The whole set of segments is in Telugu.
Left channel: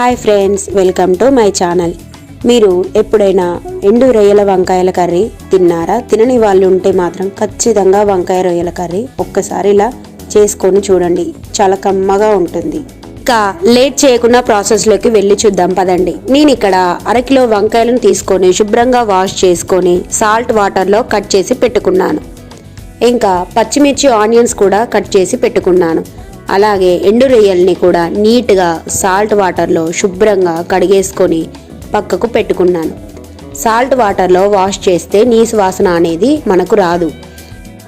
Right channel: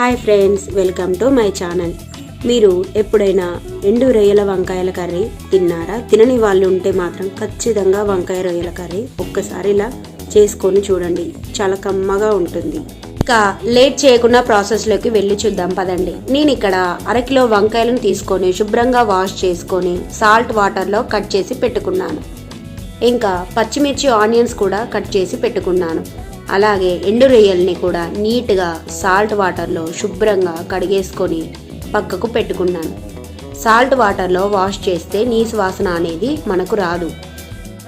Hi friends, welcome to my channel. మీరు ఎప్పుడైనా ఎండు రొయ్యల వంకాయల కర్రీ తిన్నారా? తినని వాళ్ళు ఉంటే మాత్రం ఖచ్చితంగా వంకాయ రొయ్యల కర్రీ ఒక్కసారి ఇలా చేసుకొని చూడండి, చాలా కమ్మగా ఉంటుంది. ఇంకా లేట్ చేయకుండా ప్రాసెస్లోకి వెళ్ళి చూద్దాం పదండి. నేను ఇక్కడ అరకిలో వంకాయలను తీసుకొని శుభ్రంగా వాష్ చేసుకొని సాల్ట్ వాటర్లో కట్ చేసి పెట్టుకున్నాను. ఇంకా పచ్చిమిర్చి ఆనియన్స్ కూడా కట్ చేసి పెట్టుకున్నాను. అలాగే ఎండు రొయ్యల్ని కూడా నీట్గా సాల్ట్ వాటర్లో శుభ్రంగా కడిగేసుకొని పక్కకు పెట్టుకున్నాను. సాల్ట్ వాటర్లో వాష్ చేస్తే నీసు వాసన అనేది మనకు రాదు.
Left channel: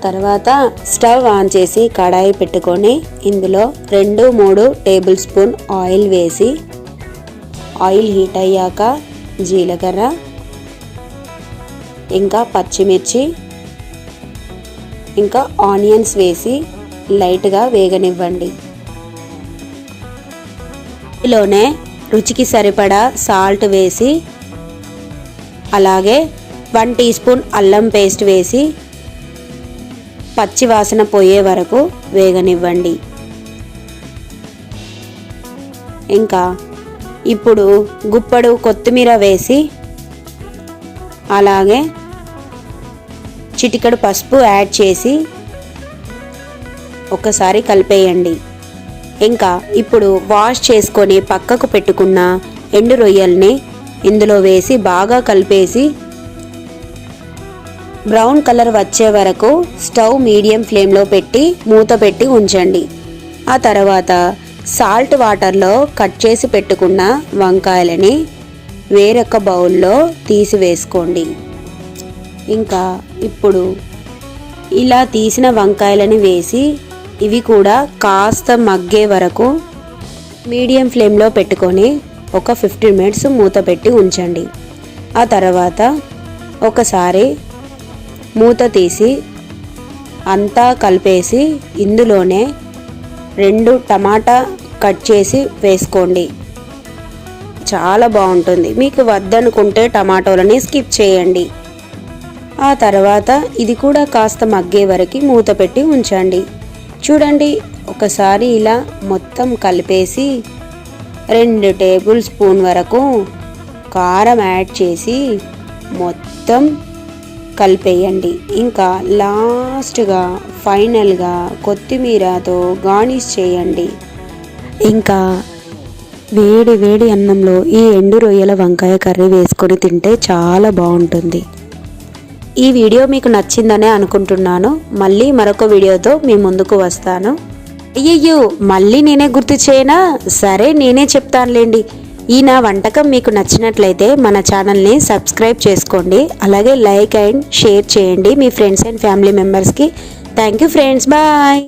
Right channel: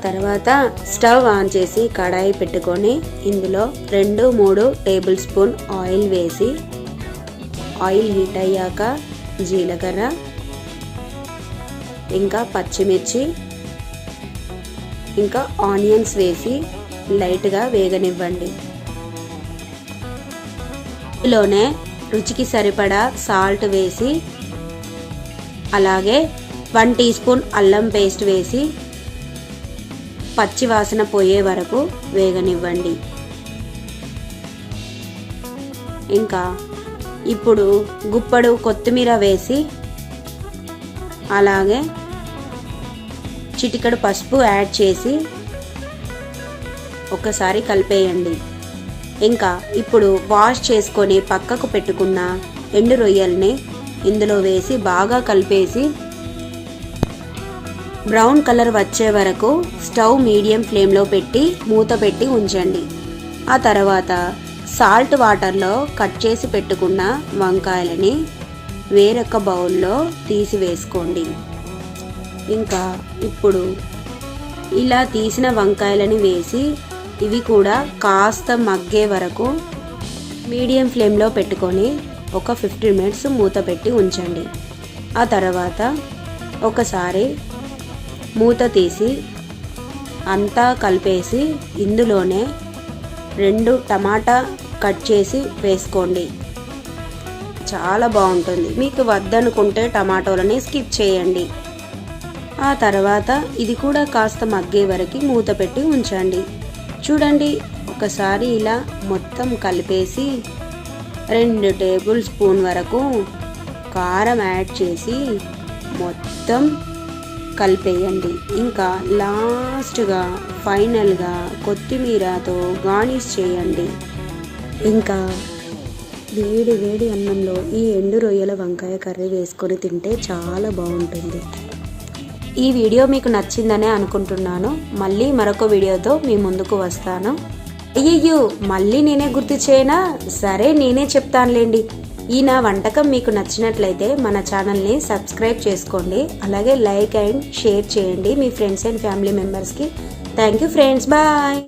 తర్వాత స్టవ్ ఆన్ చేసి కడాయి పెట్టుకొని ఇందులో 2-3 టేబుల్ స్పూన్ ఆయిల్ వేసి, ఆయిల్ హీట్ అయ్యాక జీలకర్ర ఇంకా పచ్చిమిర్చి ఇంకా ఆనియన్స్ వేసి లైట్గా వేగనివ్వండి. ఇందులోనే రుచికి సరిపడా సాల్ట్ వేసి, అలాగే 1 టీ స్పూన్ అల్లం పేస్ట్ వేసి పచ్చి వాసన పోయే వరకు వేగనివ్వండి. ఇంకా ఇప్పుడు గుప్పడు కొత్తిమీర వేసి, అలాగే చిటికెడు పసుపు యాడ్ చేసి ఒకసారి కలిపేయండి. ఇంకా ఇప్పుడు వాష్ చేసుకొని పక్కకు పెట్టుకున్న ఎండు రొయ్యల్ని ఇందులో వేసి బాగా కలిపేసి బ్రౌన్ కలర్ వచ్చే వరకు స్టవ్ మీడియం ఫ్లేమ్లో పెట్టి మూత పెట్టి ఉంచండి. ఆ తర్వాత సాల్ట్ వాటర్లో కట్ చేసి పెట్టుకున్న వంకాయలని వేరొక బౌల్లో తీసి వేసుకోండి. ఇంకా ఇప్పుడు ఇలా తీసిన వంకాయలని వేసి ఇవి కూడా కాస్త మగ్గే వరకు మీడియం ఫ్లేమ్లో పెట్టుకొని ఒక 15 మినిట్స్ మూత పెట్టి ఉంచండి. ఆ తర్వాత ఒకసారి మూత తీసి అంతా కలిపేసి ఇందులోనే 2 టమాటా కట్ చేసి వేసుకోండి. చాలా బాగుంటుంది. మీకు వద్దనుకుంటే టమాటోలని స్కిప్ చేయండి. ఆ తర్వాత ఇది కూడా కాస్త మగ్గే వరకు మూత పెట్టి ఉంచండి. చూడండి, ఒకసారి ఇలా మొత్తం కలిపేసి 2 టేబుల్ స్పూన్ వరకు కారం యాడ్ చేసి మొత్తం కలిపేయండి. ఇంకా లాస్ట్గా ఫైనల్గా కొత్తిమీరతో గార్నిష్ చేయండి. ఇంకా వేడి వేడి అన్నంలో ఈ ఎండు రొయ్యల వంకాయ కర్రీ వేసుకొని తింటే చాలా బాగుంటుంది. ఈ వీడియో మీకు నచ్చిందనే అనుకుంటున్నాను. మళ్ళీ మరొక వీడియోతో మీ ముందుకు వస్తాను. అయ్యయ్యో, మళ్ళీ నేనే గుర్తు చేయనా? సరే, నేనే చెప్తానులేండి. ఈ నా వంటకం మీకు నచ్చినట్లయితే మన ఛానల్ని సబ్స్క్రైబ్ చేసుకోండి. అలాగే లైక్ అండ్ షేర్ చేయండి మీ ఫ్రెండ్స్ అండ్ ఫ్యామిలీ మెంబర్స్కి. Thank you friends, bye.